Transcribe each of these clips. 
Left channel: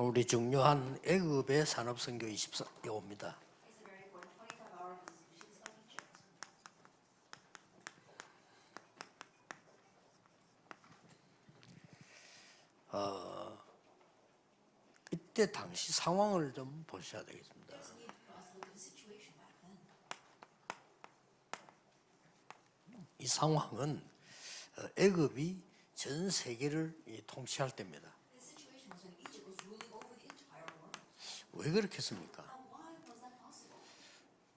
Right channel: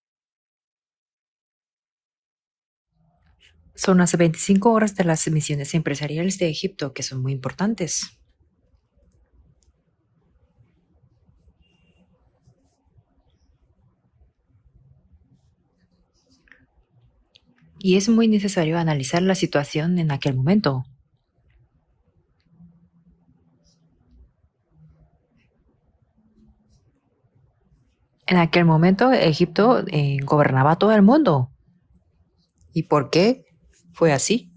우리 중요한 애굽의 산업선교 24호입니다. Son las 25 horas de las misiones empresariales de Egipto que son muy importantes. 이때 당시 상황을 좀 보셔야 되겠습니다. Y es muy necesario analizar la situación en aquel momento. 이 상황은 애굽이 전 세계를 통치할 때입니다. En aquel momento Egipto gobernaba todo el mundo. 왜 그렇게 했습니까? ¿Y por qué fue así?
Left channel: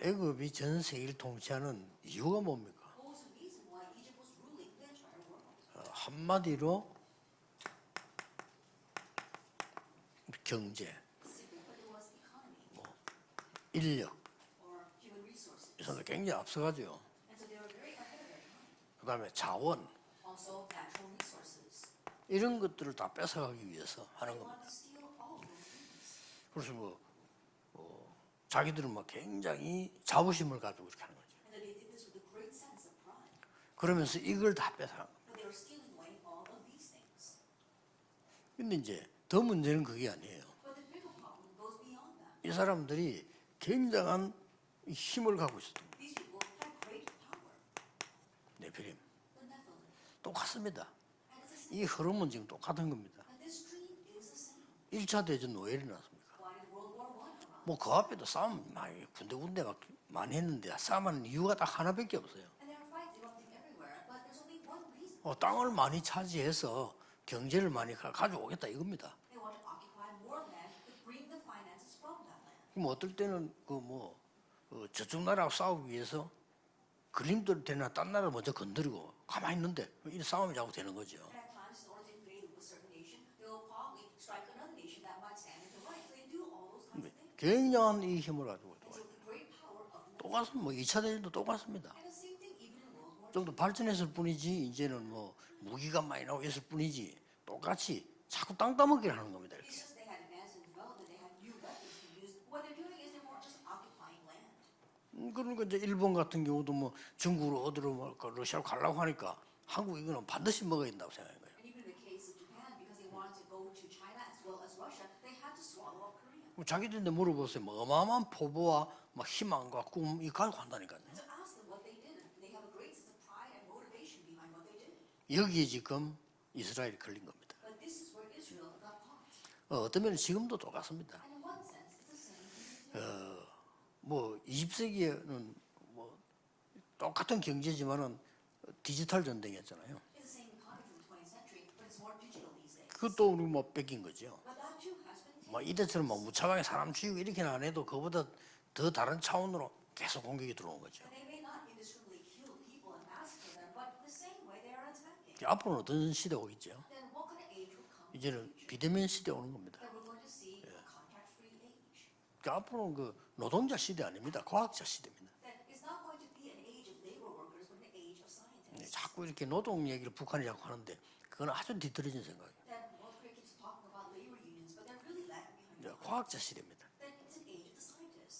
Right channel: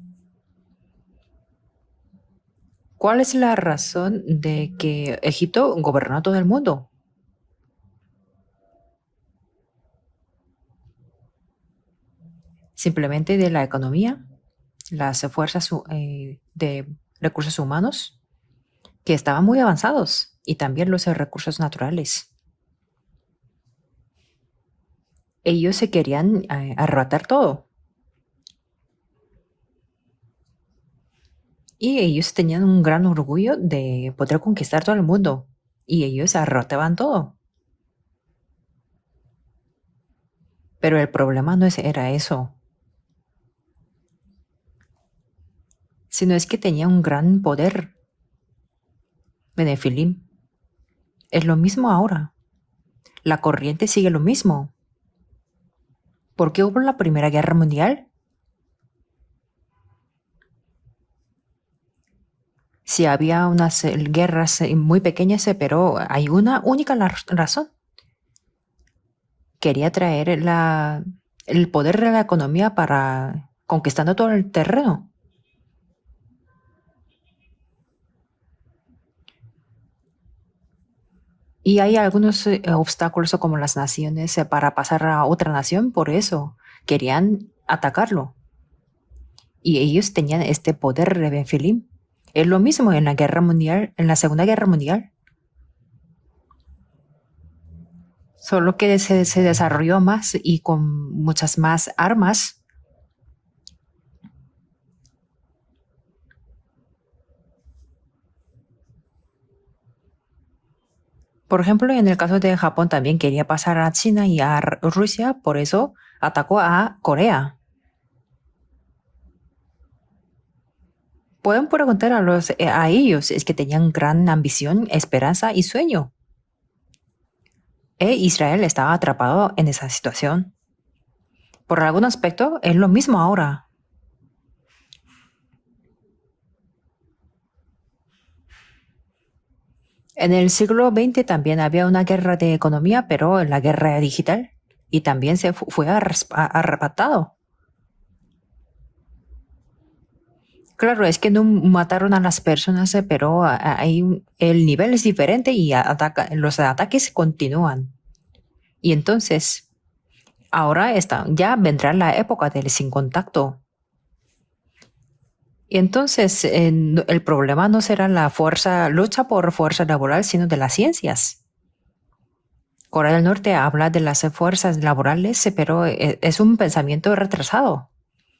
애굽이 전 세계를 통치하는 이유가 뭡니까? ¿Cuál es la razón de que Egipto gobernó todo el mundo? 경제, Simplemente de la economía, las fuerzas de recursos humanos que estaban muy avanzados y también los recursos naturales. 이런 것들을 다 뺏어가기 위해서 하는 겁니다. Ellos se querían arrebatar todo 자기들은 막 굉장히 자부심을 가지고 이렇게 하는 거죠. y ellos tenían un gran orgullo de poder conquistar todo el mundo y ellos arrebataban todo. 근데 이제 더 문제는 그게 아니에요. Pero el problema no era eso, 이 사람들이 굉장한 힘을 갖고 있었던 거예요. sino es que tenía un gran poder. 네피림 Benefilim 똑같습니다. es lo mismo ahora. 그건 지금 똑같은 겁니다. La corriente sigue lo mismo. 1차 대전 왜 일어났습니까? ¿Por qué hubo la Primera Guerra 그 Mundial? 앞에도 싸움 군데군데 막 많이 했는데 싸움하는 이유가 딱 하나밖에 없어요. Sí, había unas guerras muy pequeñas, pero hay una única razón. 많이 가져오겠다 이겁니다. Quería traer el poder de la economía para conquistando todo el terreno. 저쪽 나라하고 싸우기 위해서 그림들 되나 딴 나라를 먼저 건드리고 가만히 있는데 이 싸움이 자꾸 되는 거죠. Y hay algunos obstáculos como las naciones para pasar a otra nación, por eso querían atacarlo. 힘을 가지고 들어와요. Y ellos tenían este poder de Benfilim. Es lo mismo en la Guerra Mundial, en la Segunda Guerra Mundial, 뭐 무기가 많이 나오겠을 뿐이지 똑같이 solo que se desarrolló más y con muchas más armas. 그러니까 이제 일본 같은 경우도 뭐 중국으로 어디로 뭐 러시아로 가려고 하니까 한국 이거는 반드시 먹어야 된다고 생각해요. Por ejemplo, en el caso de Japón también quería pasar a China y a Rusia, por eso atacó a Corea. 그래서 뭐 어마어마한 포부와 막 희망과 꿈이 가지고 한다니까요. Pueden preguntar a ellos, es que tenían gran ambición, esperanza y sueño. 이스라엘이 걸린 겁니다. Israel estaba atrapado en esa situación. 지금도 똑같습니다. Por algún aspecto, es lo mismo ahora. 뭐 20세기에는 뭐 똑같은 경제지만은 디지털 전쟁이었잖아요. En el siglo XX también había una guerra de economía, pero la guerra digital. Y también se fue arrebatado. 이렇게는 안 해도 그보다 더 다른 차원으로 계속 공격이 들어오고. Claro, es que no mataron a las personas, pero el nivel es diferente y los ataques continúan. 이제는 Y entonces, ahora ya vendrá la época del sin contacto. 노동자 시대 아닙니다. 과학자 시대입니다. Y entonces, el problema no será la lucha por fuerza laboral, sino de las ciencias. 그건 아주 뒤떨어진 생각이에요. Corea del Norte habla de las fuerzas laborales, pero es un pensamiento retrasado.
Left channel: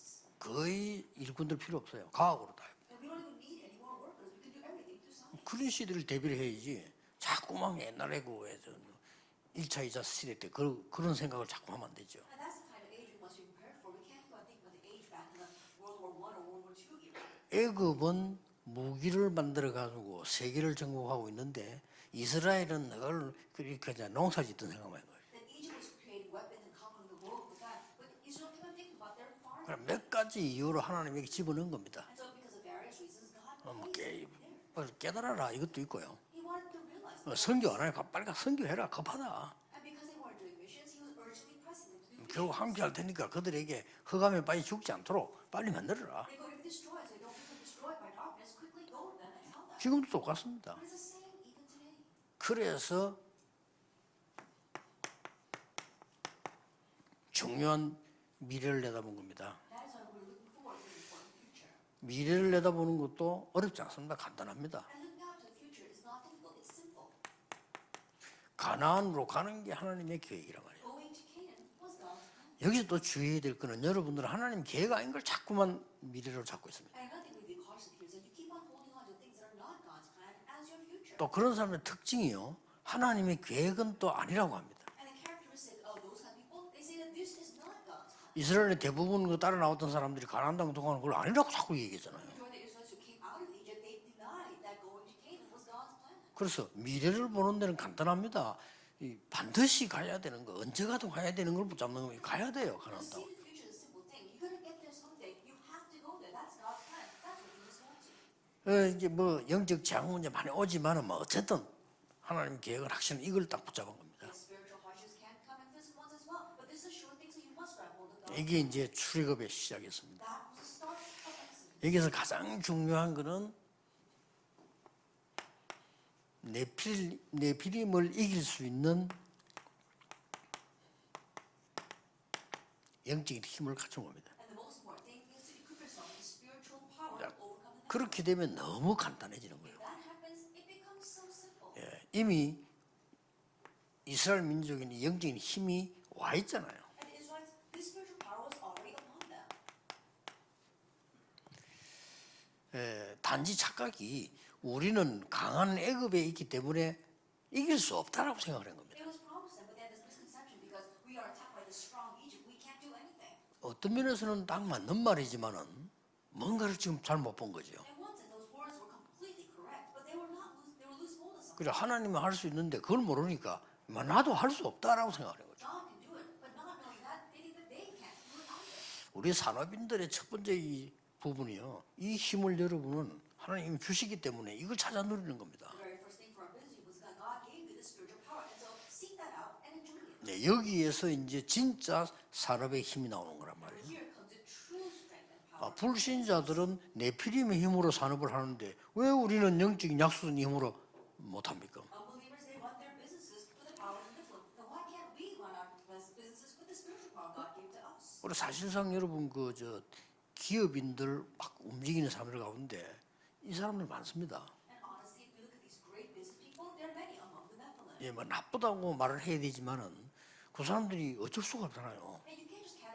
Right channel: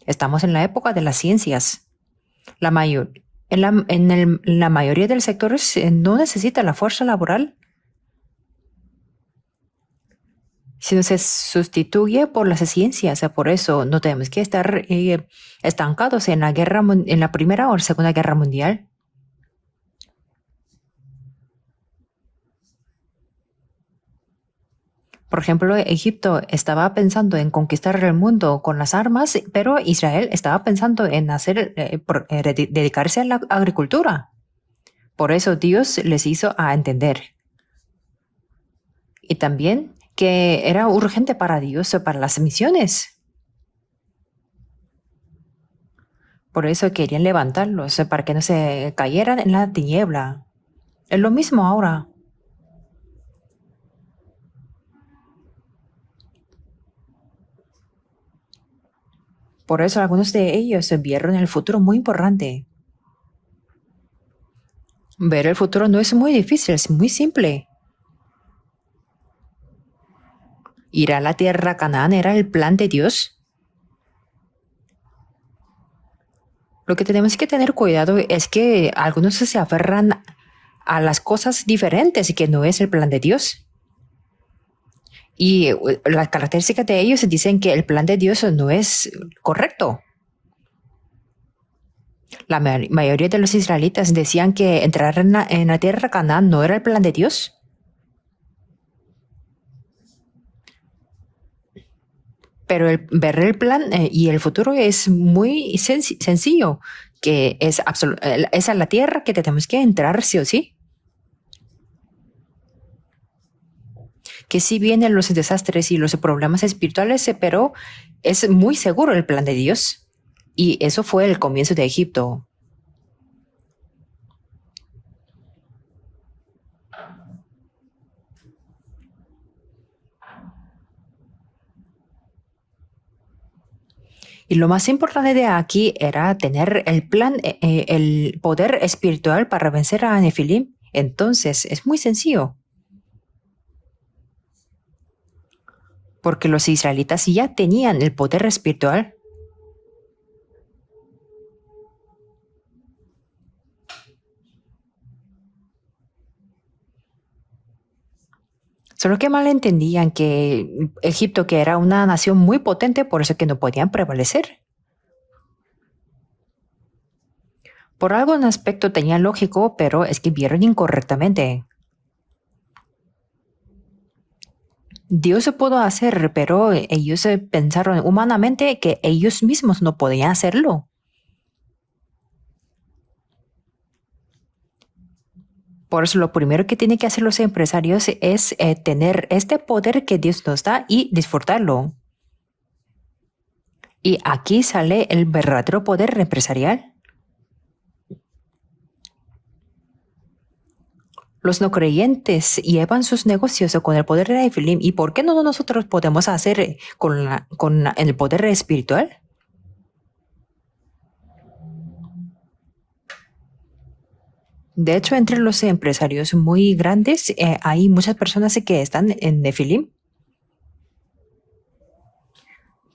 Estamos en la época de las ciencias. 과학으로 La mayoría de los sectores no necesita la fuerza laboral, 조그만 옛날에 그 1차, 2차 시대 때 그 sino se sustituye por las ciencias. Por eso no tenemos que estar estancados en la Primera o Segunda Guerra Mundial. 무기를 만들어 가지고 세계를 정복하고 있는데 이스라엘은 그걸 그렇게 농사짓던 생각만 해요. Por ejemplo, Egipto estaba pensando en conquistar el mundo con las armas, pero Israel estaba pensando en dedicarse a la agricultura. Por eso Dios les hizo a entender. 선교 안 하니까 빨리 가 선교해라 급하다. Y también que era urgente para Dios, para las misiones. 그러니까 그들에게 흑암에 빨리 죽지 않도록 빨리 만들어라. Por eso querían levantarlos, para que no se cayeran en la tiniebla. 맞습니다. Es lo mismo ahora. 그래서 중요한 미래를 내다본 겁니다. Por eso algunos de ellos vieron el futuro muy 미래를 importante. 내다보는 것도 어렵지 않습니다. 간단합니다. Ver el futuro no es muy difícil, es muy simple. 가나안으로 가는 게 하나님의 계획이란 말이에요. Ir a la tierra Canaán era el plan de Dios. 주의해야 될 거는 여러분들은 하나님 계획 아닌 걸 자꾸만 미래로 잡고 있습니다. Lo que tenemos que tener cuidado es que algunos se aferran a las cosas diferentes y que no es el plan de Dios. 계획은 또 아니라고 합니다. Y las características de ellos dicen que el plan de Dios no es 대부분 그 따라왔던 correcto. 사람들이 가난당 동안은 그걸 아니라고 자꾸 얘기했잖아요. La mayoría de los israelitas decían que entrar en la tierra Canaán no era el plan de Dios. 보는 데는 간단합니다. 이 반드시 가야 되는 거, 언제 가도 가야 되는 걸 붙잡는 거 가야 돼요. Pero ver el plan y el futuro es muy sencillo, que es a la tierra que tenemos que entrar sí o sí. 오지만은 뭐 어쨌든 하나님 계획을 확실히 이걸 딱 붙잡고 Que sí vienen los desastres y los problemas espirituales, pero es muy seguro el plan de Dios. Y eso fue el comienzo de Egipto. 가장 중요한 거는 네피림을 이길 수 있는 영적인 힘을 갖춘 겁니다. Y lo más importante de aquí era tener el plan, el poder espiritual para vencer a Nefilim. Entonces, es muy sencillo, 이스라엘 민족의 영적인 힘이 porque los israelitas ya tenían el poder espiritual. 단지 착각이 우리는 강한 애굽에 있기 때문에 이길 수 없다라고 생각을 한 겁니다. Solo que malentendían que Egipto, que era una nación muy potente, por eso que no podían prevalecer. 딱 맞는 말이지만은 뭔가를 지금 잘못 본 거죠. Por algún aspecto tenía lógico, pero es que vieron incorrectamente. 그래 하나님은 할 수 있는데 그걸 모르니까 나도 할 수 없다라고 생각. Dios se pudo hacer, pero ellos pensaron humanamente que ellos mismos no podían hacerlo. 부분이요. 이 힘을 여러분은 하나님이 주시기 때문에 이걸 찾아 누리는 겁니다. Por eso lo primero que tienen que hacer los empresarios es tener este poder que Dios nos da y disfrutarlo. 진짜 산업의 힘이 나오는 거란 말이에요. Y aquí sale el verdadero poder empresarial. 네피림의 힘으로 산업을 하는데 왜 우리는 영적인 약속의 힘으로 못 Los no creyentes llevan sus negocios con el poder de Nefilim. ¿Y por qué no nosotros podemos hacer con el poder espiritual? 그저 기업인들 막 움직이는 사람들 가운데 이 사람들 많습니다. De hecho, entre los empresarios muy grandes hay muchas personas que están en Nefilim. 그 사람들이 어쩔 수가 없잖아요.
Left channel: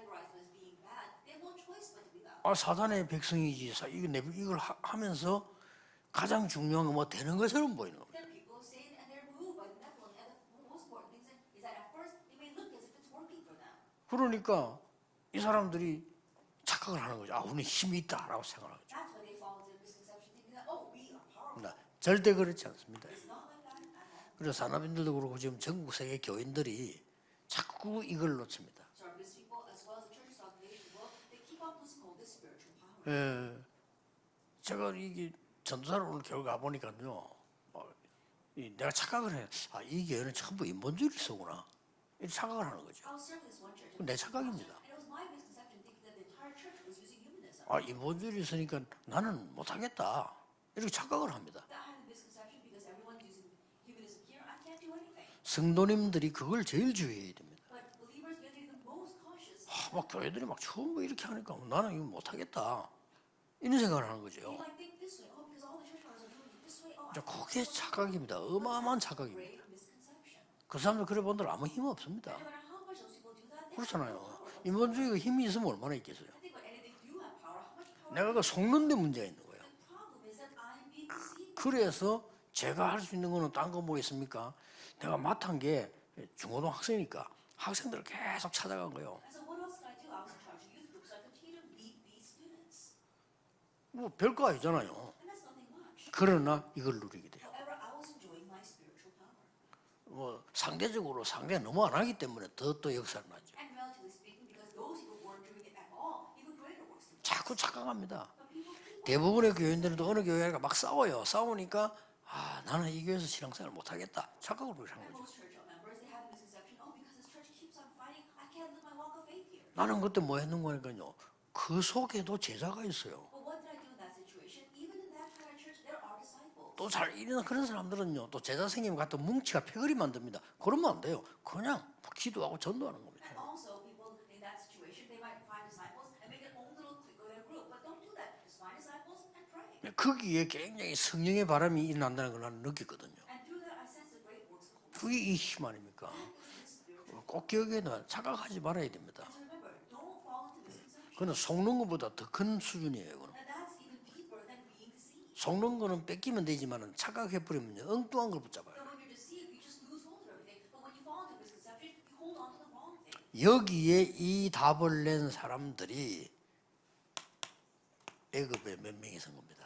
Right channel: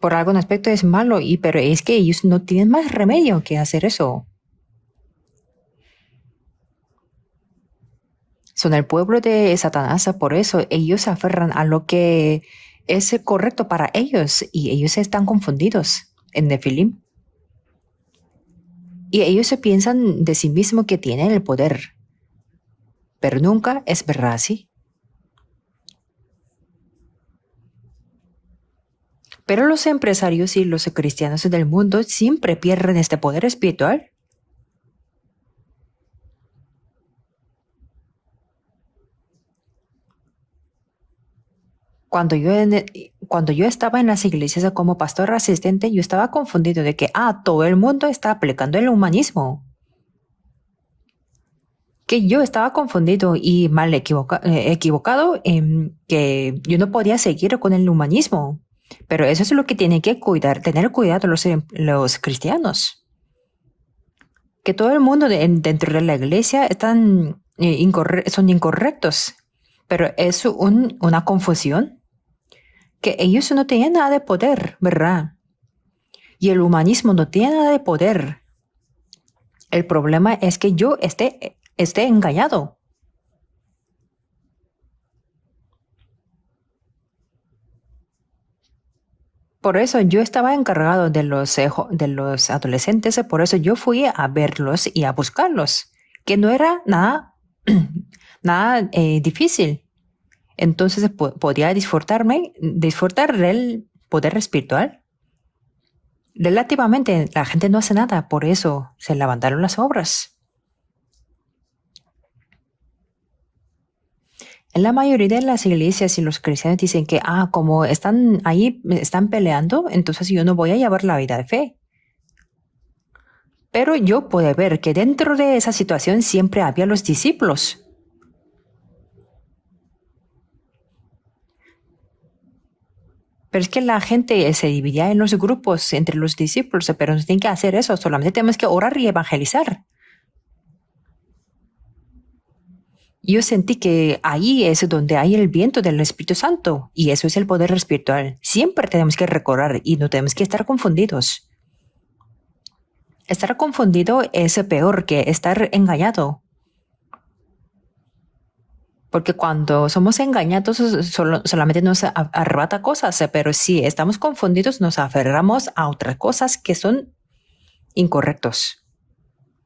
Por algún aspecto es malo, pero es que ellos no tienen más remedio que hacer eso. 이걸 하면서 가장 중요한 건 뭐 되는 것처럼 보이는 겁니다. Son el pueblo de Satanás, por eso ellos se aferran a lo que es correcto para ellos y ellos están confundidos en Nefilim. 그걸 하는 거죠. 아, 우리 힘이 있다라고 생각하죠. Y ellos se piensan de sí mismos que tienen el poder, 절대 그렇지 않습니다. pero nunca es verdad así. 산업인들도 그렇고 지금 전국 세계 교인들이 자꾸 이걸 놓칩니다. Pero los empresarios y los cristianos del mundo siempre pierden este poder espiritual. 제가 이게 전도사를 오늘 교회 가 보니까요. 내가 착각을 해. 아, 이 교회는 전부 인본주의서구나. Cuando yo estaba en las iglesias como pastor asistente, yo estaba confundido de que todo el mundo está aplicando el humanismo. 못하겠다. 이렇게 착각을 합니다. Que yo estaba confundido y mal equivocado en que yo no podía seguir con el humanismo. Pero eso es lo que tienen que tener cuidado los cristianos. 이런 생각을 하는 거죠. Que todo el mundo dentro de la iglesia son incorrectos. Pero es una confusión 없습니다. que ellos no tenían nada de poder, ¿verdad? 힘이 있으면 얼마나 있겠어요. Y el humanismo no tiene nada de poder. 그러니까 속는 데 문제가 있는 거예요. El problema es que yo esté engañado. 제가 할 수 있는 거는 딴 거 뭐 있습니까? 내가 맡은 게 중고등 학생이니까 학생들을 계속 찾아간 거예요. Por eso yo estaba encargado de los adolescentes, por eso yo fui a verlos y a buscarlos, que no era nada difícil. Entonces podía disfrutar del poder espiritual. Relativamente la gente no hace nada, por eso se levantaron las obras. 어느 교회가 막 싸워요. 싸우니까 나는 이 교회에서 신앙생활 못 하겠다. 착각을 En la mayoría de las iglesias y los cristianos dicen que como están ahí, están peleando, entonces yo no voy a llevar la vida de fe. 그 속에도 제자가 있어요. Pero yo pude ver que dentro de esa situación siempre había los discípulos. 사람들은요, 또 제자 선생님 같은 뭉치가 패거리 만듭니다. 그러면 안 돼요. 그냥 기도하고 전도하는 겁니다. Pero es que la gente se dividía en los grupos entre los discípulos, pero no tienen que hacer eso, solamente tenemos que orar y evangelizar. 거기에 굉장히 성령의 바람이 일어난다는 걸 나는 느꼈거든요. Yo sentí que ahí es donde hay el viento del Espíritu Santo y eso es el poder espiritual. Siempre tenemos que recordar y no tenemos que estar confundidos. 속는 것보다 더 큰 수준이에요. Estar confundido es peor que estar engañado. 되지만은 착각해 버리면 엉뚱한 걸 붙잡아요. Porque cuando somos engañados solamente nos arrebata cosas, pero si estamos confundidos nos aferramos a otras cosas que son incorrectos. 애국에 몇 명이 선 겁니다.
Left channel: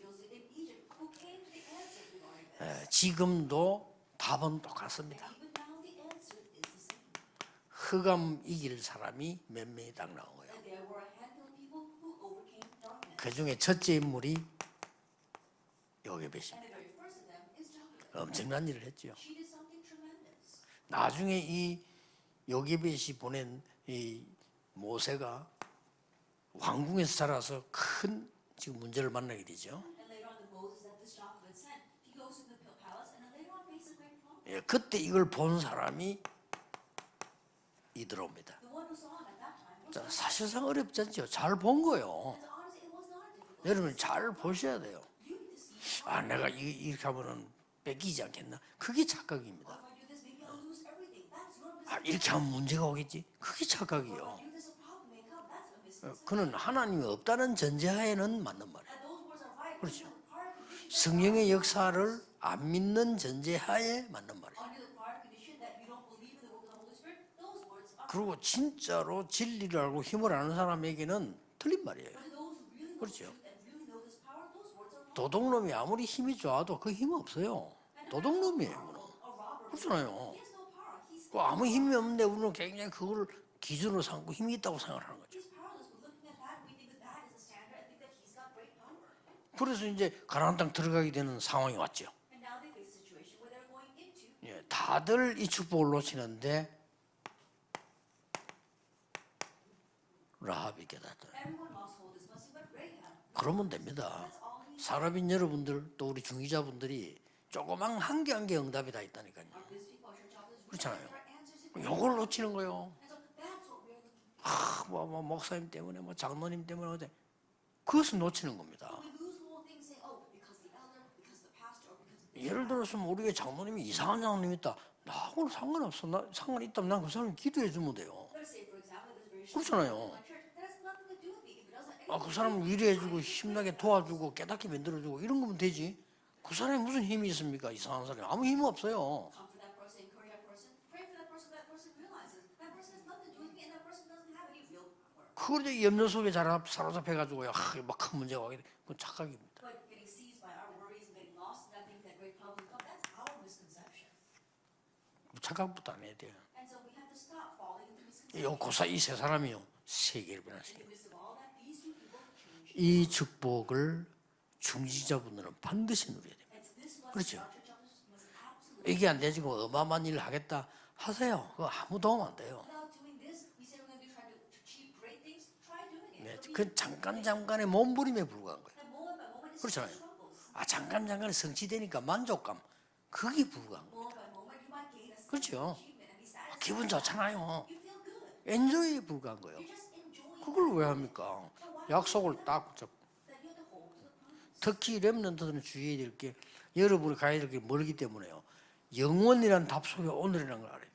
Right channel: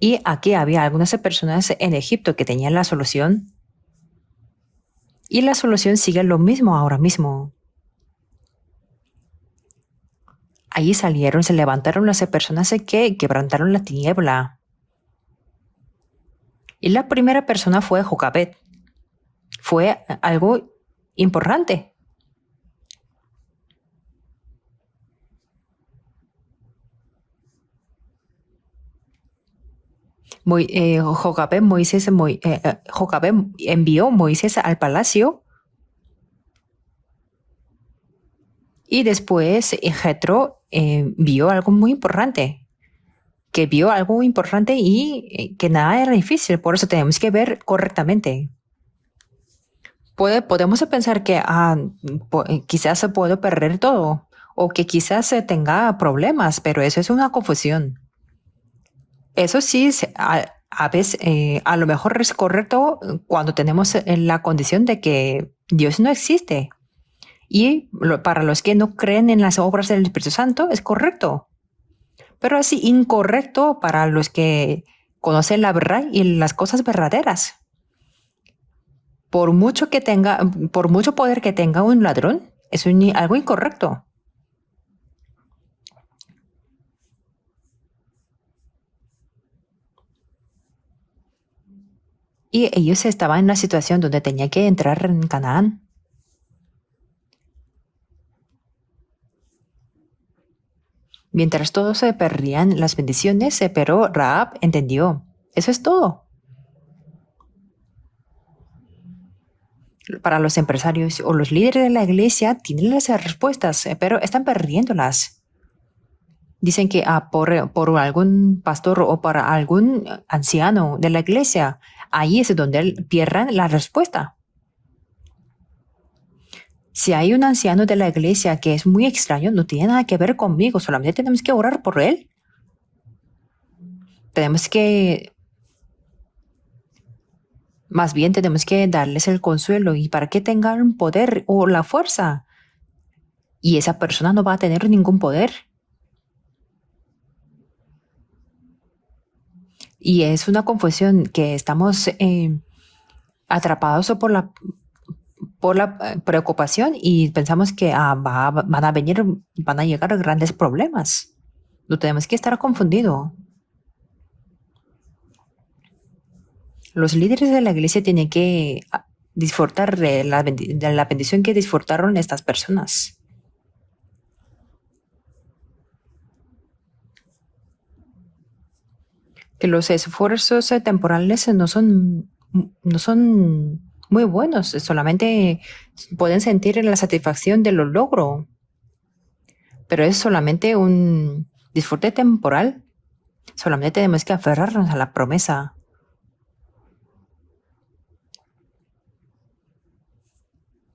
Y aquí había algunas personas en Egipto que tenían la solución 지금도 답은 똑같습니다. y la solución sigue lo mismo ahora mismo. 흑암 이길 사람이 몇 명이 딱 나온 거예요. Allí salieron, se levantaron las personas que quebrantaron la tiniebla. 요게벳입니다. Y la primera persona fue Jocabet. 중요한 일을 했죠. Fue algo 나중에 importante. 요게벳이 보낸 이 모세가 왕궁에서 자라서 큰 지금 문제를 만나게 되죠. Jocabet envió Moisés al palacio 본 사람이 이드로입니다. y después Jetro vio algo muy importante. Que vio algo importante y que nada era difícil, por eso tenemos que ver correctamente. 그게 착각입니다. Podemos pensar que quizás puedo perder todo o que quizás tenga problemas, pero eso es una confusión. 전제하에는 맞는 말이에요. Eso sí, a veces, a lo mejor es correcto cuando tenemos la condición de que Dios no existe. Y para los que no creen en las obras del Espíritu Santo, es correcto. 틀린 말이에요. Pero es incorrecto para los que conocen la verdad y las cosas verdaderas. 도둑놈이에요. Por mucho poder que tenga un ladrón, es algo incorrecto. 기준으로 삼고 힘이 있다고 생각하는 거죠. 그래서 이제 가나안 땅 들어가게 되는 상황이 왔죠. Y ellos estaban en la situación donde tenía que entrar en 다들 이 Canaán. 축복을 놓치는데 라합이 깨달았다. Mientras todos se perdían las bendiciones, pero Rahab entendió. 사람인 여러분들, Eso es todo. 우리 중위자분들이 조그만 한 개 응답이 다 있다니까요. Para los empresarios o los líderes de la iglesia tienen las respuestas, pero están perdiéndolas. 목사님 때문에 뭐 장로님 Dicen que por algún pastor o para algún anciano de la iglesia, ahí es donde pierdan la respuesta. 상황님 있다. 나하고는 상관없어. 나 상관 있다면 난 Si hay un anciano de la iglesia que es muy extraño, no tiene nada que ver conmigo, solamente tenemos que orar por él. 그 사람 위로해주고 힘나게 도와주고 Tenemos que, 이런 거면 되지. 그 사람이 무슨 힘이 있습니까? 이 사람. más bien tenemos que darles el consuelo y para que tengan poder o la fuerza. Y esa persona no va a tener ningún poder. 근데 염려 속에 사로잡혀가지고 막큰 문제가 오게 돼. 그건 착각입니다. Y es una confusión que estamos atrapados por la preocupación y pensamos que van a llegar grandes problemas. No tenemos que estar 이 confundidos. 축복을 중지자분들은 반드시 누려야 됩니다. Los líderes de la iglesia tienen que 이게 안 되지. disfrutar de la bendición que disfrutaron estas personas. 그 잠깐의 몸부림에 불과한 거예요. Que los esfuerzos temporales no son muy buenos, solamente pueden sentir la satisfacción de los logros, 엔조이에 불과한 거예요. pero es solamente un disfrute temporal. Solamente tenemos que aferrarnos a la promesa. 주의해야 될 게, 여러분이 가야 될 게 멀기 때문에요. 영원이란 답 속에 오늘이라는 걸 알아야 돼요.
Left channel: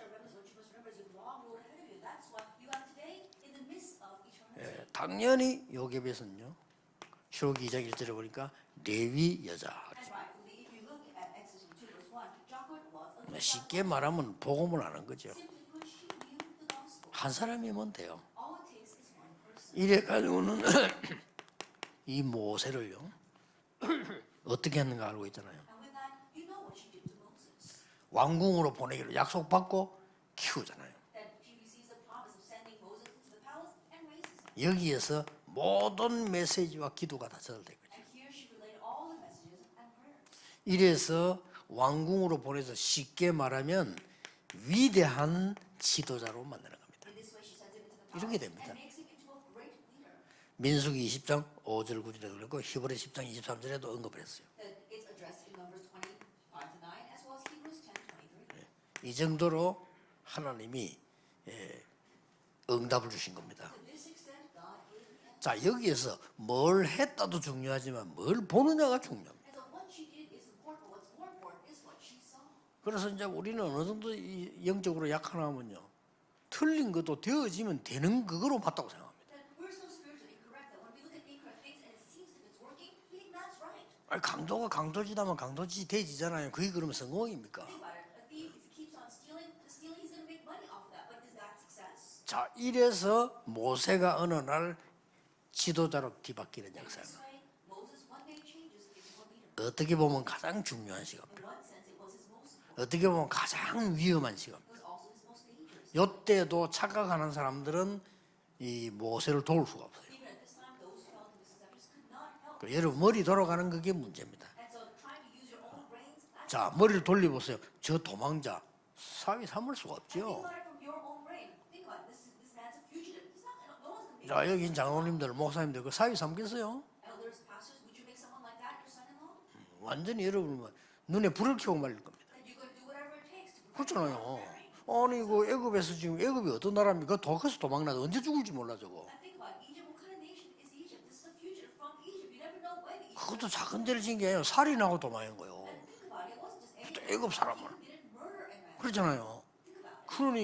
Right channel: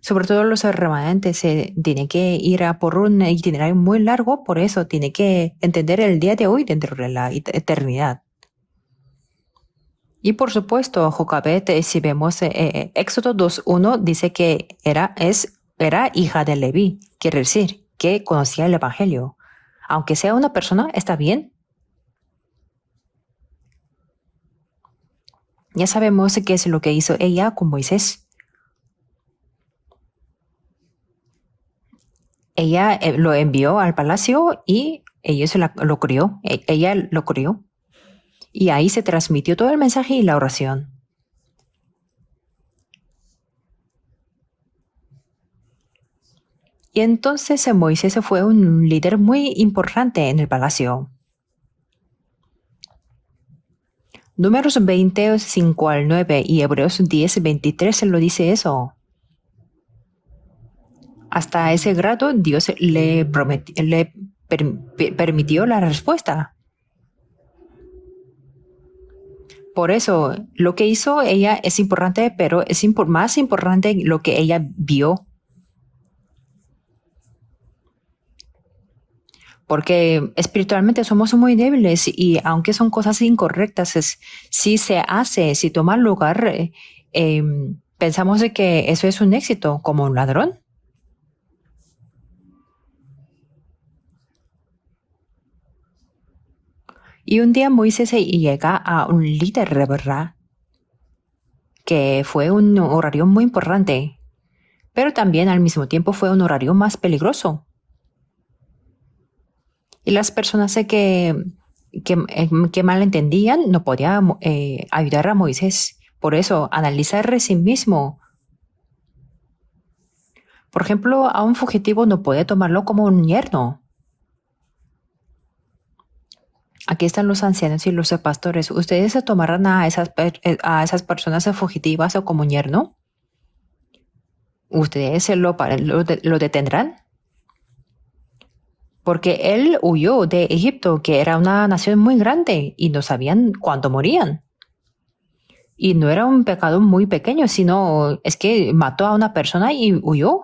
Sobre todo los remanentes tienen que ir a por un itinerario muy largo, por eso tiene que entender el día de hoy dentro de la eternidad. 보니까 레위 여자. Y por supuesto, Jocabet, si vemos Éxodo 2:1, dice que era hija de Leví, quiere decir que conocía el Evangelio. Aunque sea una persona, está bien. 이 모세를요. 어떻게 했는가 알고 있잖아요. Ya sabemos qué es lo que hizo ella con Moisés. 왕궁으로 보내기로 약속받고 키우잖아요. Ella lo envió al palacio y lo crió. Ella lo crió. Y ahí se transmitió todo el mensaje y la oración. 이래서 왕궁으로 보내서 쉽게 말하면 위대한 지도자로 만드는 겁니다. Y entonces Moisés fue un líder muy importante en el palacio. 20장 5절 9절에도 그랬고 히브리 10장 23절에도 언급을 했어요. Números 20, 5 al 9 y Hebreos 10, 23 se lo dice eso. 이 정도로 하나님이 Hasta ese grado Dios le permitió la respuesta. 뭘 했다도 중요하지만 뭘 보느냐가 중요해요. Por eso, lo que hizo ella es importante, pero es más importante lo que ella vio. 하나면요. 틀린 것도 되어지면 되는 그거로 봤다고 생각합니다. porque espiritualmente somos muy débiles y aunque son cosas incorrectas, si se hace, si toma lugar, pensamos de que eso es un éxito, como un ladrón. 자, 이래서 모세가 어느 날 지도자로 뒤바뀌는 역사. Y un día Moisés llega a un líder de 어떻게 보면 verdad, 가장 중요한 시간. que fue un 어떻게 horario 보면 muy 가장 importante, 위험한 시간. pero también al mismo tiempo fue un 이때도 horario más 착각하는 peligroso. 사람들은 이 모세를 도울 수가 없어요. Y las personas que malentendían no podían ayudar a Moisés. Por eso, 그걸 analizar a sí 돌려보면 저 mismo. 도망자 사위 삼을 수가 없죠. Por ejemplo, a un fugitivo no puede tomarlo como un yerno. 자, 여기 장로님들, 목사님들 그 사위 삼겠어요? Aquí están los ancianos y los pastores. ¿Ustedes se tomarán a esas personas fugitivas o como un yerno? 그렇잖아요. ¿Ustedes lo detendrán? 사람이 그 거기서 도망나도 언제 죽을지 몰라 저거. Porque él huyó de Egipto, que era una nación muy grande, y no sabían cuándo morían. 살인하고 도망한 거예요. Y no era un pecado muy pequeño, sino es que mató a una persona y huyó.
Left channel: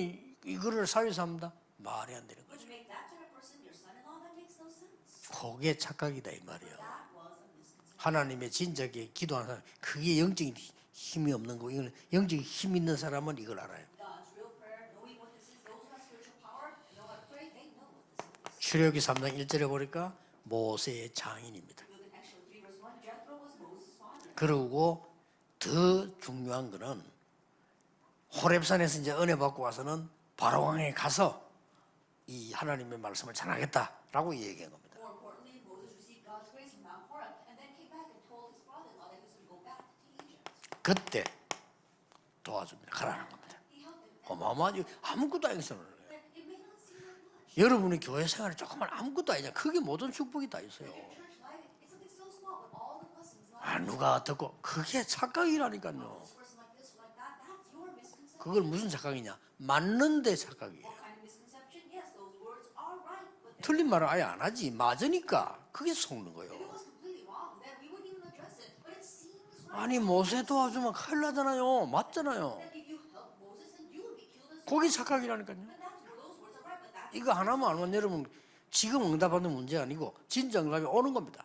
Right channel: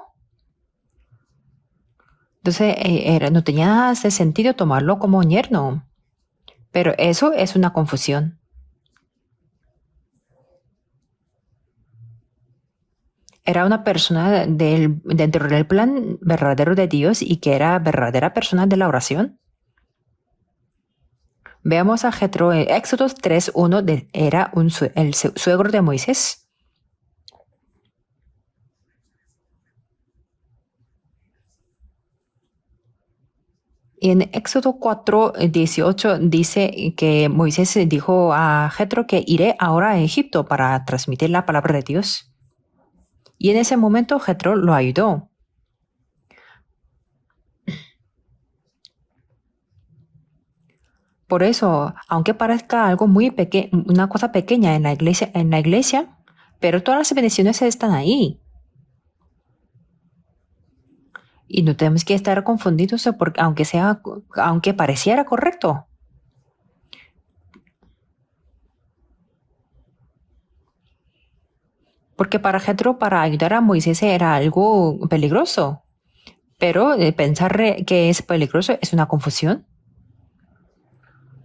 이거를 사위 삼다 말이 안 되는. Entonces no tenía nada de sentido tomarlo como un yerno. 이게 착각이다 이 말이에요. Pero eso es una confusión. 하나님의 진작에 기도하는 사람, 그게 영적인 힘이 없는 거. 이거는 영적인 힘 있는 사람은 Era una persona dentro del plan verdadero de Dios y que era verdadera persona de la oración. 1절에 보니까 모세의 장인입니다. Veamos a Jetro en Éxodo 3:1, era el suegro de Moisés. 중요한 거는 호렙산에서 이제 은혜 받고 와서는 바로왕에 가서 이 하나님의 말씀을 전하겠다. Y en 하고 Éxodo 4:18 dice que Moisés dijo a Jetro que iré ahora a Egipto para transmitir la palabra de Dios. 도와줍니다. 가라는 거. Y en ese momento Jetro lo ayudó. 아무것도 아니잖아요. 여러분의 교회 생활이 조금만 아무것도 아니냐. 그게 모든 축복이 다 있어요. Por eso, aunque parezca algo muy pequeño, una cosa pequeña en la iglesia, pero todas las bendiciones están ahí. 그걸 무슨 착각이냐? 맞는데 착각이에요. Y no tenemos que estar confundidos porque aunque pareciera correcto. 그게 속는 거예요. 아니 모세 도와주면 큰일 나잖아요. Porque 맞잖아요. para Jetro, para ayudar a Moisés era algo peligroso. Pero pensar que es peligroso es una confusión. 문제 아니고 진짜 응답이 오는 겁니다.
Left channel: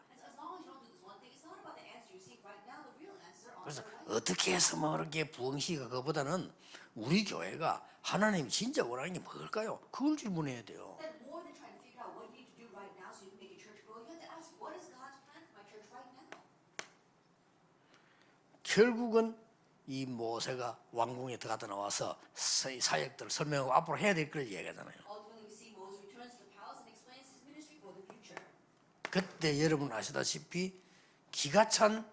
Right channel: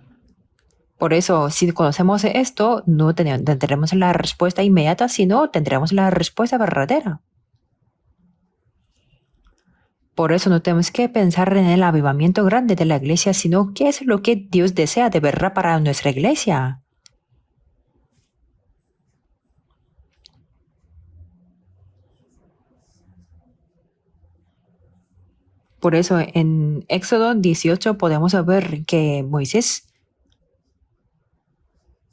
Por eso, si conocemos esto, no tendremos la respuesta inmediata, sino tendremos la respuesta verdadera. 우리 교회가 하나님이 진짜 원하는 게 뭘까요? 그걸 Por eso no tenemos que pensar en el avivamiento grande de la iglesia, sino qué es lo que Dios desea de verdad para nuestra iglesia. 결국은 이 모세가 왕궁에 들어가다 나와서 사역들 설명하고 앞으로 해야 될 걸 얘기하잖아요. Por eso en Éxodo 18 podemos ver que 그때 Moisés 여러분 아시다시피 기가 찬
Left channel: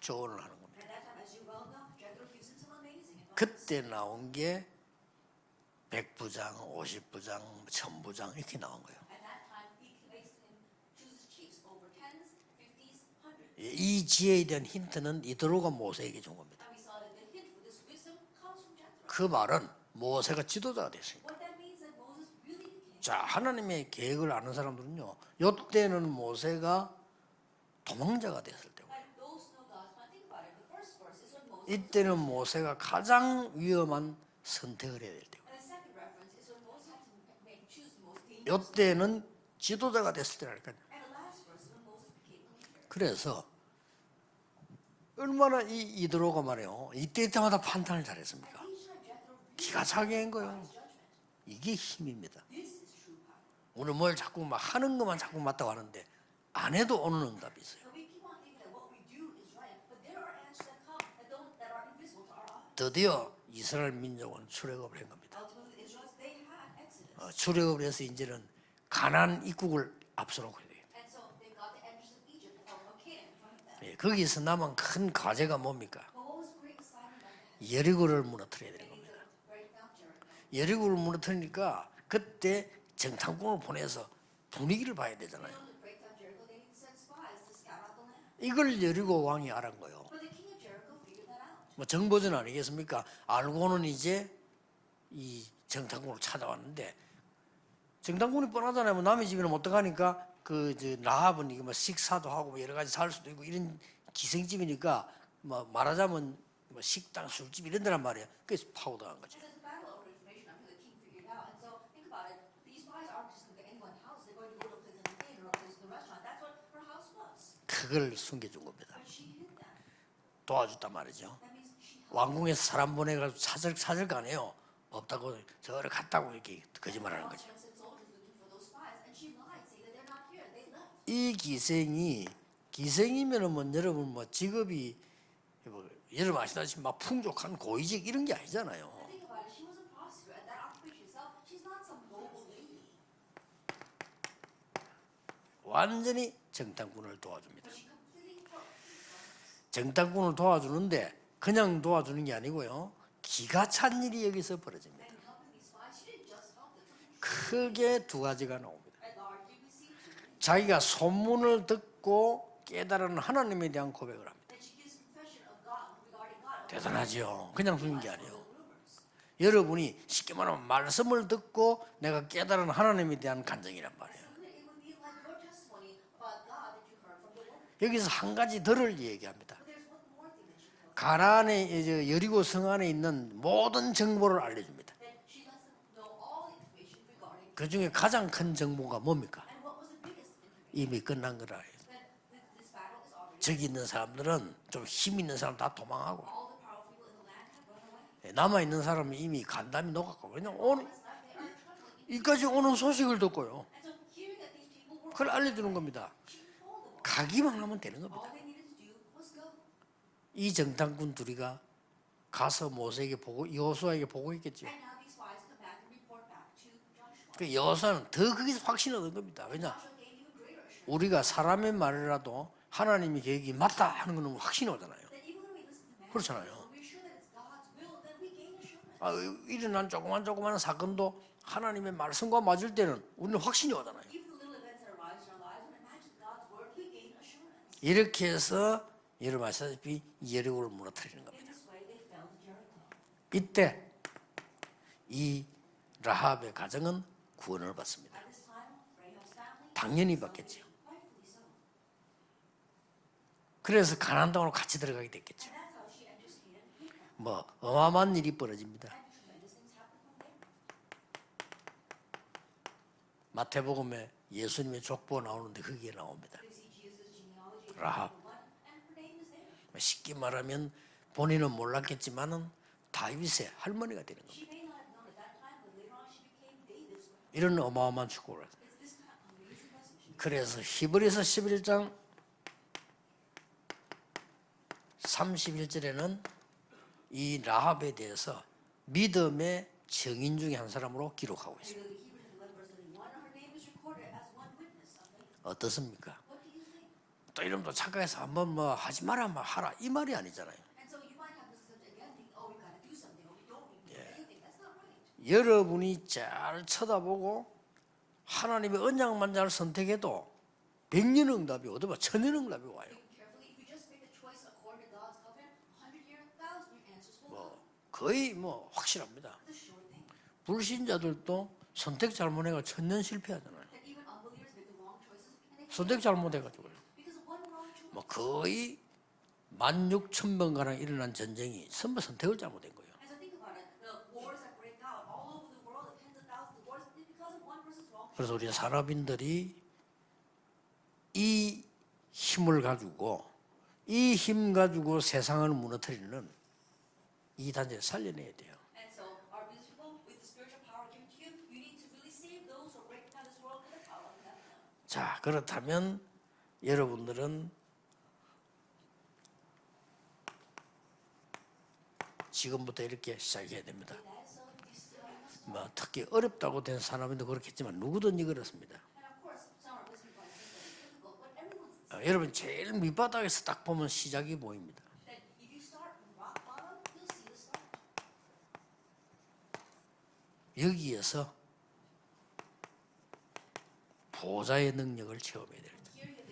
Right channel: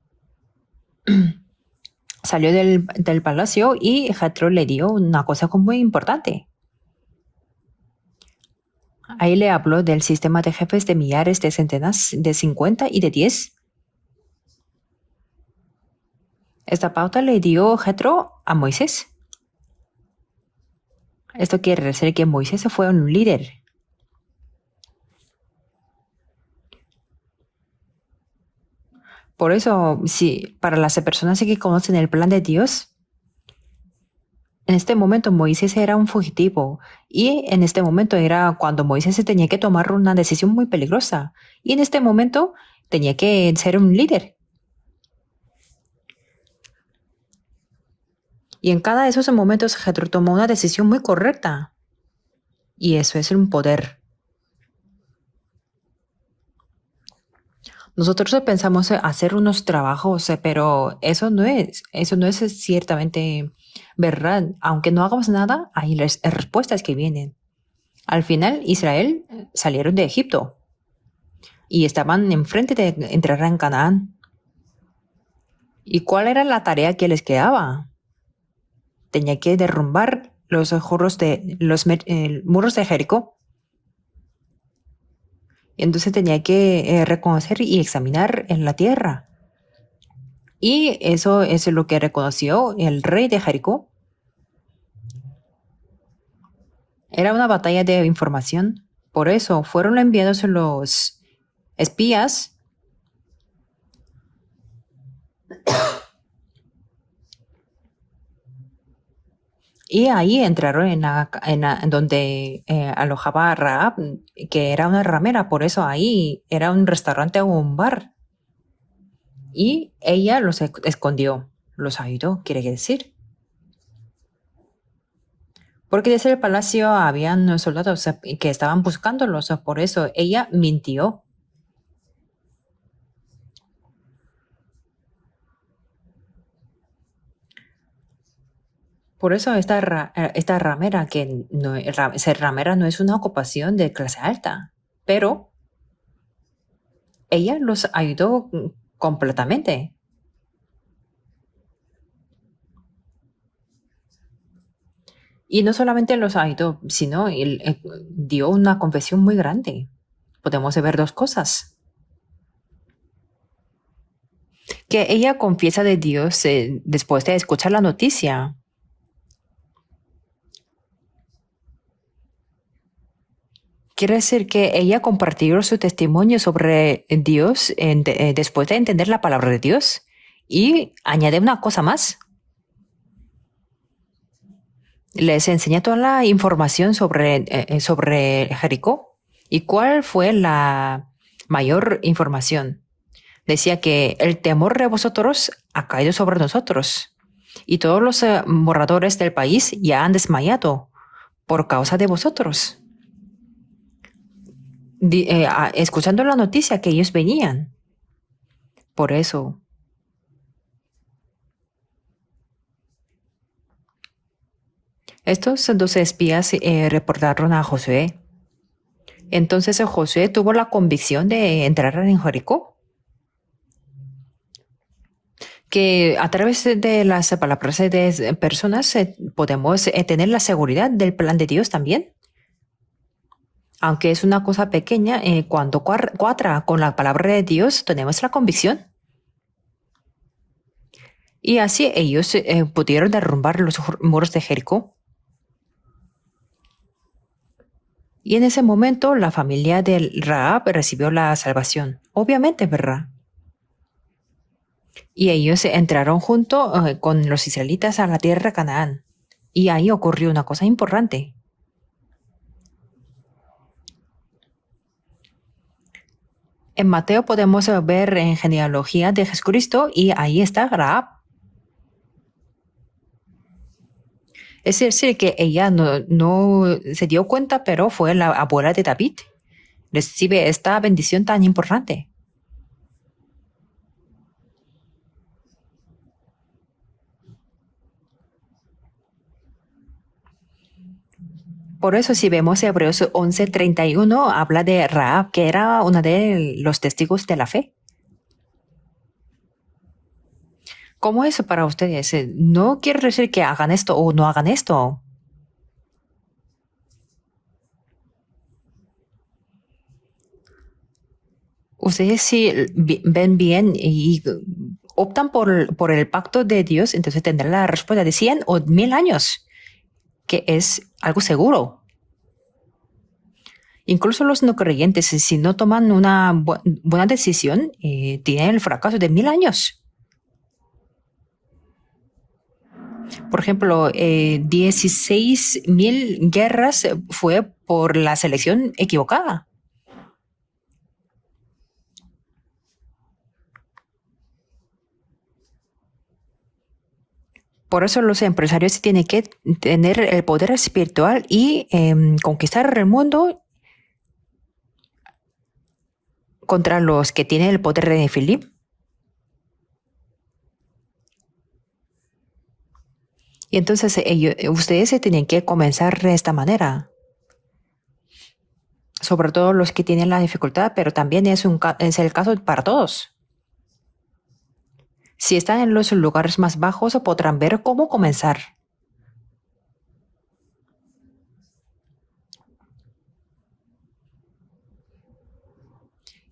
조언을 하는 겁니다. salió del palacio y Jetro le dio una cosa muy importante. 50부장, 1000부장 이렇게 나온 거예요. Ahí le habló del sistema de jefes de millares, de centenas, de 50 y de 10. 이 지혜에 대한 힌트는 이드로가 모세에게 준 겁니다. Esta pauta le dio Jetro a Moisés. 그 말은 모세가 지도자가 됐습니다. Esto quiere decir que Moisés fue un líder. 하나님의 계획을 아는 사람들은요. 이때는 모세가 도망자가 됐을 때고. Por eso, si para las personas que conocen el plan de Dios, 가장 위험한 en este momento Moisés era un fugitivo y en este momento era cuando Moisés tenía que tomar una decisión muy peligrosa y en este momento tenía que ser un líder. 얼마나 이드로가 말이에요. 이때 때마다 판단을 잘했습니다. Y en cada de esos momentos Jetro tomó una decisión muy correcta 이게 힘입니다. y eso es un poder. 뭘 자꾸 막 하는 것만 자꾸 맞다고 하는데 안 해도 오는 응답이죠. Nosotros pensamos hacer unos trabajos, pero eso no es ciertamente verdad. Aunque no hagamos nada, hay respuestas que vienen. 출애굽을 해서 Al final, Israel salieron de Egipto y estaban enfrente de entrar en Canaán. 거기서 남은 큰 과제가 뭡니까? ¿Y cuál era la tarea que les quedaba? 여리고를 무너뜨려야 되는 겁니다. Tenía que derrumbar los muros de Jericó. 장군을 보내서 분위기를 봐야 되잖아요. Y entonces tenía que reconocer y examinar en la tierra. 여리고 왕이 알은 거예요. Y eso es lo que reconoció el rey de Jericó. 오늘 이제 이 정탐꾼을 찾아왔는데 Era una batalla de información. Por eso fueron enviados los 라합은 이거 뭐 espías. 식사하고 여러 가지 살 수도 있고 이런 기생집이니까 뭐 말하자면 뭐 식당, 술집 이런 데란 말이야. 그래서 파고들어간 거지. Y ahí entraron en donde alojaba Raab, que era una ramera, por eso ahí era un restaurante o un bar. 그걸 숨겨준 겁니다. Y ella los 도와줬단 말이죠. escondió, los ayudó, 왕궁에 quiere 사람 decir. 보내가지고 사절 가네요. 없다고 저를 Porque desde el 갔다고. palacio habían soldados que estaban buscándolos, por eso ella mintió. 이 기생이면은 뭐 여러분 뭐 직업이 뭐 여러분 아시다시피 막 풍족한 고위직 이런 게 아니잖아요. Por eso esta ramera, que no, ser ramera no es una ocupación de clase alta, pero 완전히 정탐꾼을 도와. ella los ayudó completamente. 정탐꾼을 도와주는데 그냥 도와주는 게 아니고요. 기가 찬 일이 여기서 벌어집니다. Y no solamente los ayudó, sino dio una confesión muy grande. Podemos ver dos 소문을 cosas. 듣고 깨달은 하나님에 대한 고백을 합니다. Que ella confiesa de Dios después de escuchar la noticia. 여러분이 쉽게 말하면 말씀을 듣고 내가 깨달은 하나님에 대한 간증이라. Quiere decir que ella compartió su testimonio sobre Dios después de entender la palabra de Dios. Y añade una cosa más. 여리고 성 안에 있는 모든 정보를 알려줍니다. Les enseña toda la información sobre Jericó. ¿Y cuál fue la mayor información? Decía que el temor de vosotros ha caído sobre nosotros. Y todos los moradores del país ya han desmayado por causa de vosotros. 오는 소식을 듣고요. Escuchando la noticia que ellos venían. 하면 되는 겁니다. Por eso, 이 정탐꾼 둘이가 가서 모세에게 보고 여호수아에게 보고했겠죠. estos dos espías reportaron a Josué. 더 거기서 확신을 얻은 겁니다. Entonces Josué tuvo la convicción de entrar en Jericó. 하나님의 계획이 맞다 하는 거는 확신이 오잖아요. Que a través de las palabras de personas podemos tener la seguridad del plan de Dios también. 말씀과 맞을 때는 우리는 확신이 와요. Aunque es una cosa pequeña, cuando cuadra con la palabra de Dios, tenemos la convicción. 여러분 아시다시피 예리고를 무너뜨리는 겁니다. Y así ellos pudieron derrumbar los muros de Jericó. 이 라합의 가정은 구원을 받습니다. Y en ese momento la familia de Rahab recibió la salvación. Obviamente, ¿verdad? 그래서 가나안 땅으로 같이 들어가게 됩니다. Y ellos entraron junto con los israelitas a la tierra de Canaán. Y ahí ocurrió una cosa importante. 마태복음에 예수님의 족보가 나오는데 거기에 나옵니다. En Mateo podemos ver en genealogía de Jesucristo y ahí está Rahab. 본인은 몰랐겠지만은 다윗의 할머니가 되는 겁니다. Es decir, que ella no se dio cuenta, pero fue la abuela de David. Recibe esta bendición tan importante. 31절에는 이 라합에 대해서 믿음의 증인 중에 한 사람으로 기록하고 있습니다. Por eso, si vemos Hebreos 11:31, habla de Rahab, que era una de los testigos de la fe. 또 착각해서 한번 뭐 하지 마라 뭐 하라 이 말이 아니잖아요. ¿Cómo es para ustedes? No quiere decir que hagan esto o no hagan esto. 여러분이 잘 쳐다보고 하나님의 언약만 잘 선택해도 100년 응답이 오다. Ustedes si ven bien y optan por el pacto de Dios, entonces tendrán la respuesta de 100 o 1000 años, que es algo seguro. 선택 잘못해가 천년 실패하잖아요. Incluso los no creyentes, si no toman una buena decisión, tienen el fracaso de 1000 años. 16,000번가량 일어난 전쟁이 전부 선택을 잘못한 거예요. Por ejemplo, 16,000 guerras fue por la selección equivocada. 이 힘을 가지고 이 힘 가지고 세상을 무너뜨리는 이 단지 Por eso los empresarios tienen que tener el poder espiritual y conquistar el mundo 자, 그렇다면 contra los que tienen el poder de Filipe. 지금부터 이렇게 시작해. Y entonces ustedes se tienen que comenzar de esta manera, 사람인도 그렇겠지만 누구든지 그렇습니다. sobre todo los que tienen la dificultad, pero también es el caso para todos. 밑바닥에서 딱 보면 시작이 보입니다. Si están en los lugares más bajos, podrán ver cómo comenzar. 여기에서 보좌의 능력을 체험해야 돼요.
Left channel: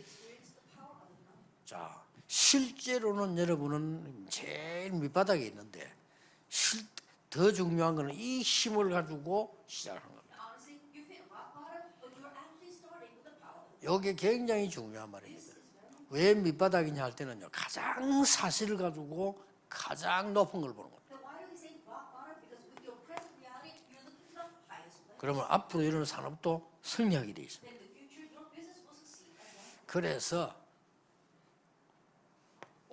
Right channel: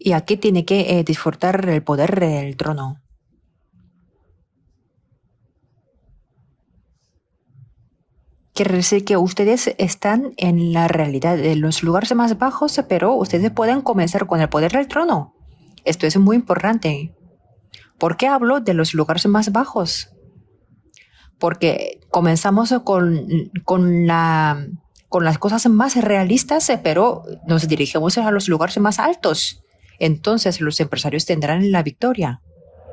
Y aquí tiene que disfrutar el poder del trono. 실제로는 여러분은 제일 밑바닥에 있는데 더 중요한 거는 이 Quiere decir que ustedes están en la realidad de los lugares más bajos, pero ustedes pueden comenzar con el poder del trono. Esto es muy importante. ¿Por qué hablo de los lugares más bajos? 가장 높은 걸 보는 거예요. porque comenzamos con las cosas más realistas, pero nos dirigimos a los lugares más altos. Entonces los empresarios tendrán la victoria.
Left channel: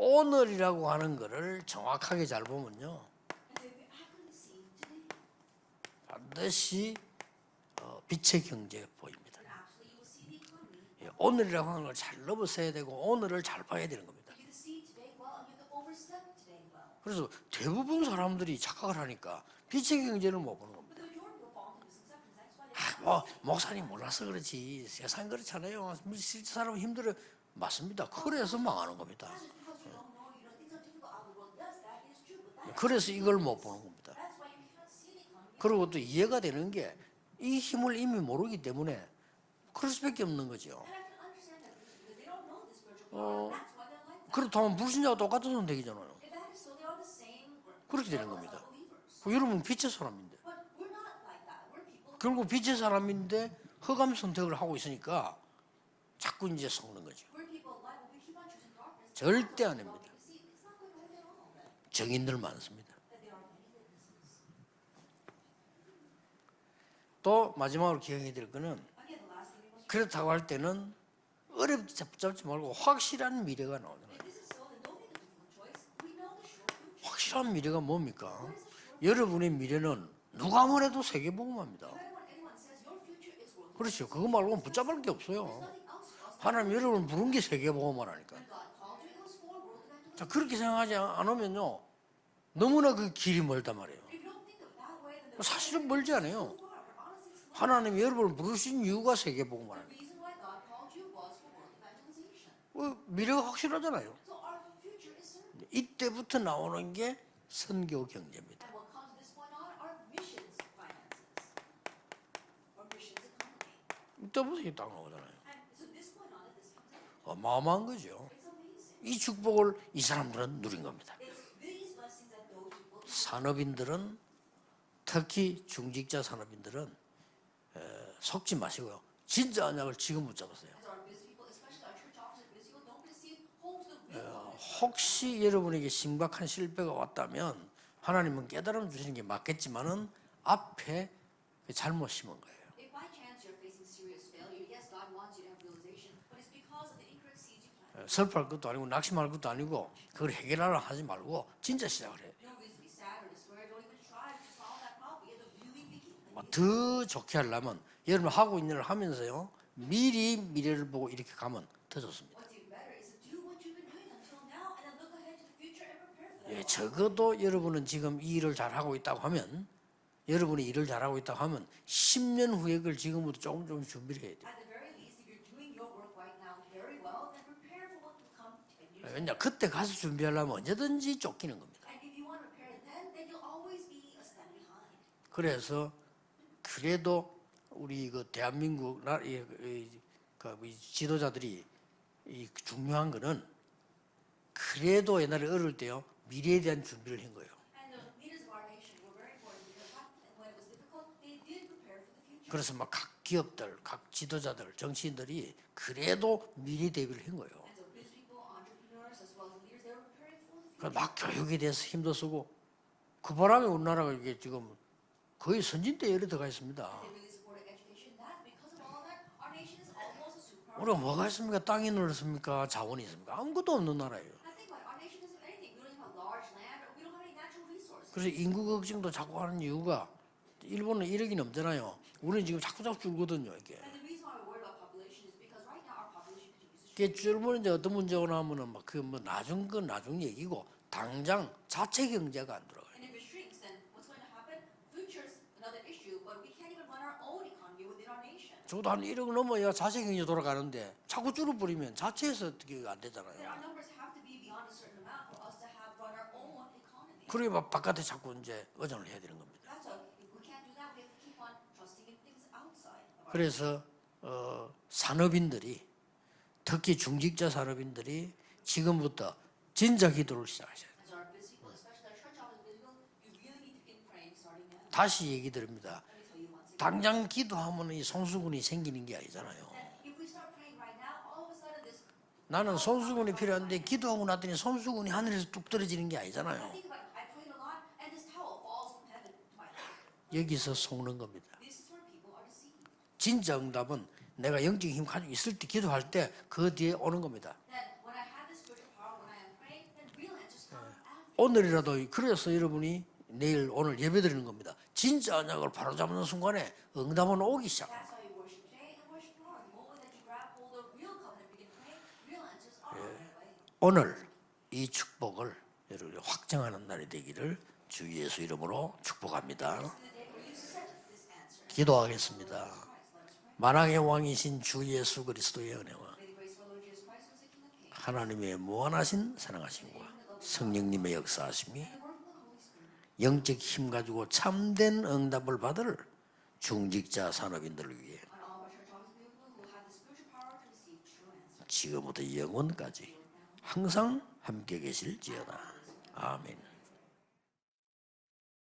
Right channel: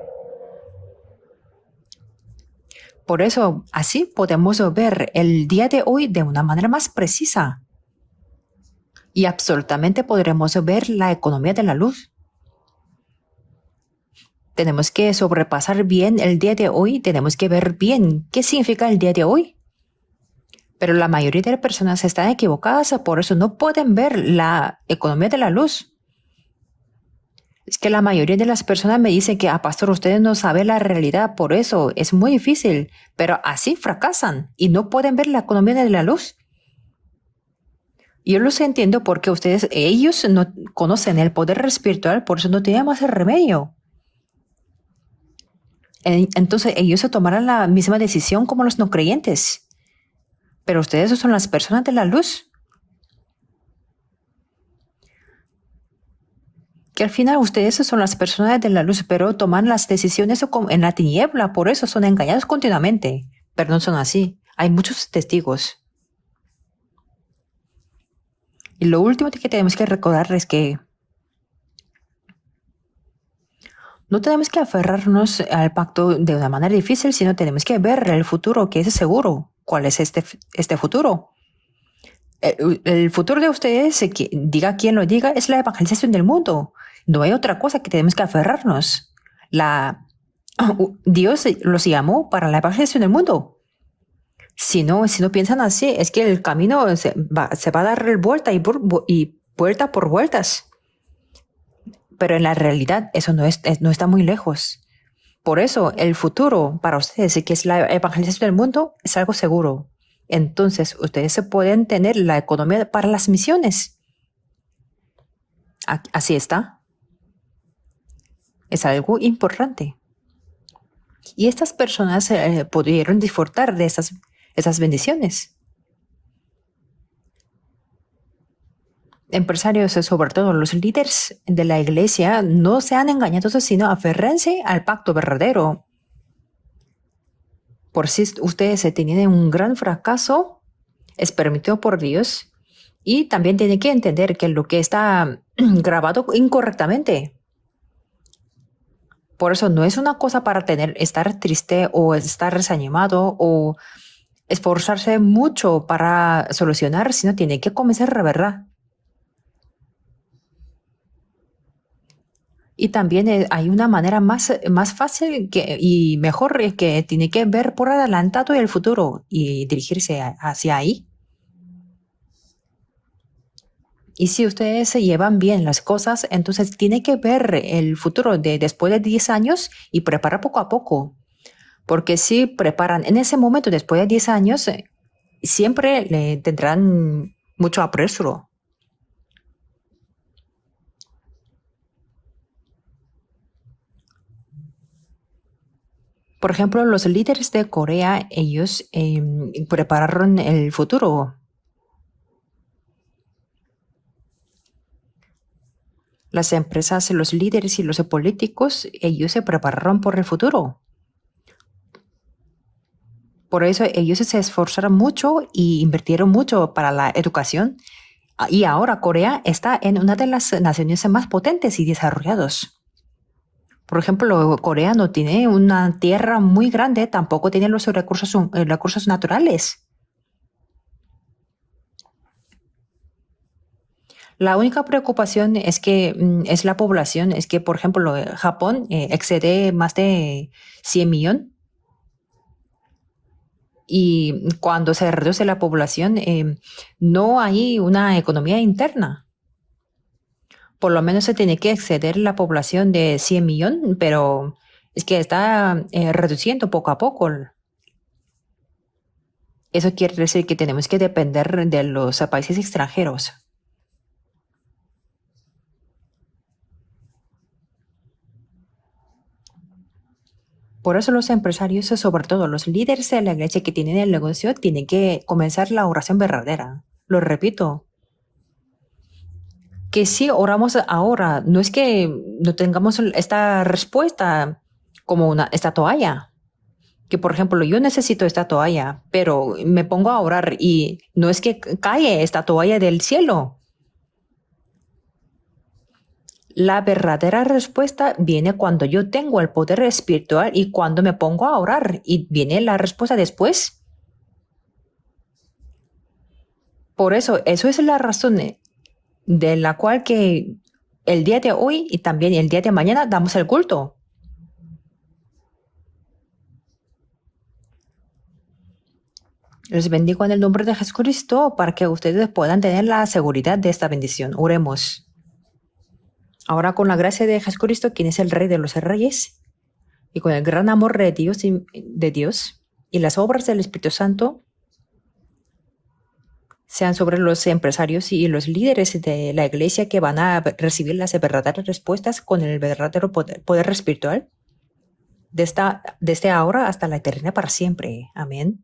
오늘이라고 하는 거를 정확하게 잘 보면요. Por eso, así podemos ver el día de hoy de una manera más precisa 빛의 경제 y absolutamente podremos ver la economía de la luz. 잘 넘어서야 되고 오늘을 잘 봐야 되는 겁니다. Tenemos que sobrepasar bien el día de hoy, tenemos que ver bien qué significa el día de hoy. 빛의 경제를 못 보는 거예요. Pero la mayoría de las personas están equivocadas, por eso no pueden ver la economía de la luz. 사람 힘들어. Es que la mayoría de las personas me dicen que, pastor, ustedes no saben la realidad, por eso es muy difícil. Pero así fracasan y no pueden ver la economía de la luz. 이해가 되는 게 이 힘을 이미 Yo los entiendo porque ellos no conocen el poder espiritual, por eso no tienen más remedio. 그렇다면 불신자와 똑같은 선택이잖아요. Entonces ellos se tomarán la misma decisión como los no creyentes. 그러면 빛의 사람인데. Pero ustedes son las personas de la luz, 결국 빛의 사람인데 흑암 선택을 하고 있으니까 자꾸 이제 que al final ustedes son las personas de la luz, pero toman las decisiones en la tiniebla, por eso son engañados continuamente. Pero no son así. Hay muchos testigos. 또 마지막으로 기억해야 될 거는 Y lo último que tenemos que recordar es que 어렵게 잡지 말고 확실한 미래가 나와요. no tenemos que aferrarnos al pacto de una manera difícil, sino tenemos que ver el futuro que es seguro. ¿Cuál es este futuro? 세계복음화입니다. El futuro de ustedes, diga quien lo diga, es la evangelización del mundo. No hay otra cosa que tenemos que aferrarnos. 자, 그렇게 생각하지 않으면 Dios los llamó para la evangelización del mundo. 멀단 말이에요. Si no piensan así, es que el camino se va a dar vuelta y vuelta por vueltas. Pero en la realidad eso no está muy lejos. Por eso el futuro para ustedes, que es la evangelización del mundo, es algo seguro. Entonces ustedes se pueden tener la economía para las misiones. 떠보세요, 땅하고잖아요. Así está. 어마어마한 거죠. Es algo importante. 이 사람들은 누린 겁니다. Y estas personas pudieron disfrutar de esas bendiciones. 특히 중직자 산업인들은 속지 마시고요. Empresarios, sobre todo los líderes de la iglesia, no sean engañados, sino aférrense al pacto verdadero. 이게 심각한 실패가 왔다면 Por si ustedes tienen un gran fracaso, 앞에 es permitido por Dios. Y también tienen que entender que lo que está grabado incorrectamente. 슬퍼할 것도 아니고 낙심할 것도 Por eso 아니고 no es una cosa para estar triste o estar desanimado o esforzarse mucho para solucionar, sino tiene que comenzar la verdad. 하고 있는 일 하면서요. 미리 미래를 보고 이렇게 가면 더 좋습니다. Y también hay una manera más fácil y mejor que tiene que ver por adelantado el futuro y dirigirse hacia ahí. 잘하고 있다 하면 10년 후에 그걸 지금부터 조금 준비를 Y si ustedes se llevan bien las cosas, entonces tiene que ver el futuro de después de 10 años y preparar poco a poco. 언제든지 쫓기는 겁니다. Porque si preparan en ese momento, después de 10 años, siempre le tendrán mucho apresuro. 대한민국 이 지도자들이 이 중요한 거는 그래도 옛날에 어릴 때요. Por ejemplo, los líderes de Corea, ellos prepararon el futuro. 그래서 막 각 기업들, 각 지도자들, 정치인들이 그래도 Las empresas, los líderes y los políticos, ellos se prepararon por el futuro. 막 교육에 대해서 힘도 쓰고 그 Por eso ellos se esforzaron mucho y invirtieron mucho para la educación. Y ahora Corea está en una de las naciones más potentes y desarrollados. 자원이 있습니다. 아무것도 없는 Por ejemplo, Corea no tiene una tierra muy grande, tampoco tiene los recursos naturales. 이유가 일본은 1억이 넘잖아요. 우리는 지금 자꾸 줄거든요, 이게. La única preocupación es que es la población, es que, por ejemplo, Japón excede más de 100 millones. 자체 경제가 안 들어가요. Y cuando se reduce la población, no hay una economía interna. 1억 넘어야 자체 경제 돌아가는데. Por lo menos se tiene que exceder la población de 100 millones, pero es que está reduciendo poco a poco. 그러니 바깥에 자꾸 이제 의존을 해야 되는 겁니다. Eso quiere decir que tenemos que depender de los países extranjeros. 그래서 산업인들이 특히 중직자 산업인들이 지금부터 진짜 기도를 시작하셔야 Por eso los empresarios, sobre todo los líderes de la iglesia que tienen el negocio, tienen que comenzar la oración verdadera. 당장 Lo repito, 기도하면 이 성수군이 생기는 게 아니잖아요. que si oramos ahora, no es que no tengamos esta respuesta como esta toalla. que, por ejemplo, yo necesito esta toalla, pero me pongo a orar y no es que cae esta toalla del cielo. 진짜 응답은 내가 영적인 힘 가지고 있을 때 기도할 때 La verdadera respuesta viene cuando yo tengo el poder espiritual y cuando me pongo a orar. Y viene la respuesta después. 오늘 예배드리는 겁니다. 진짜 언약을 바로잡는 순간에 Por eso, eso es la razón de la cual que el día de hoy y también el día de mañana damos el culto. 오늘 이 축복을 여러분이 확정하는 날이 되기를 주 예수 이름으로 축복합니다. Les bendigo en el nombre de Jesucristo para que ustedes puedan tener la seguridad de esta 만왕의 bendición. 왕이신 주 Oremos. 예수 그리스도의 은혜와 Ahora con la gracia de Jesucristo, quien es el Rey de los Reyes, 무한하신 사랑하심과 y con el gran amor de Dios y las obras del Espíritu Santo, 참된 응답을 받을 sean sobre los empresarios y los líderes de la iglesia que van a recibir las verdaderas respuestas con el verdadero poder espiritual 함께 계실지 desde ahora hasta la eternidad para siempre. Amén.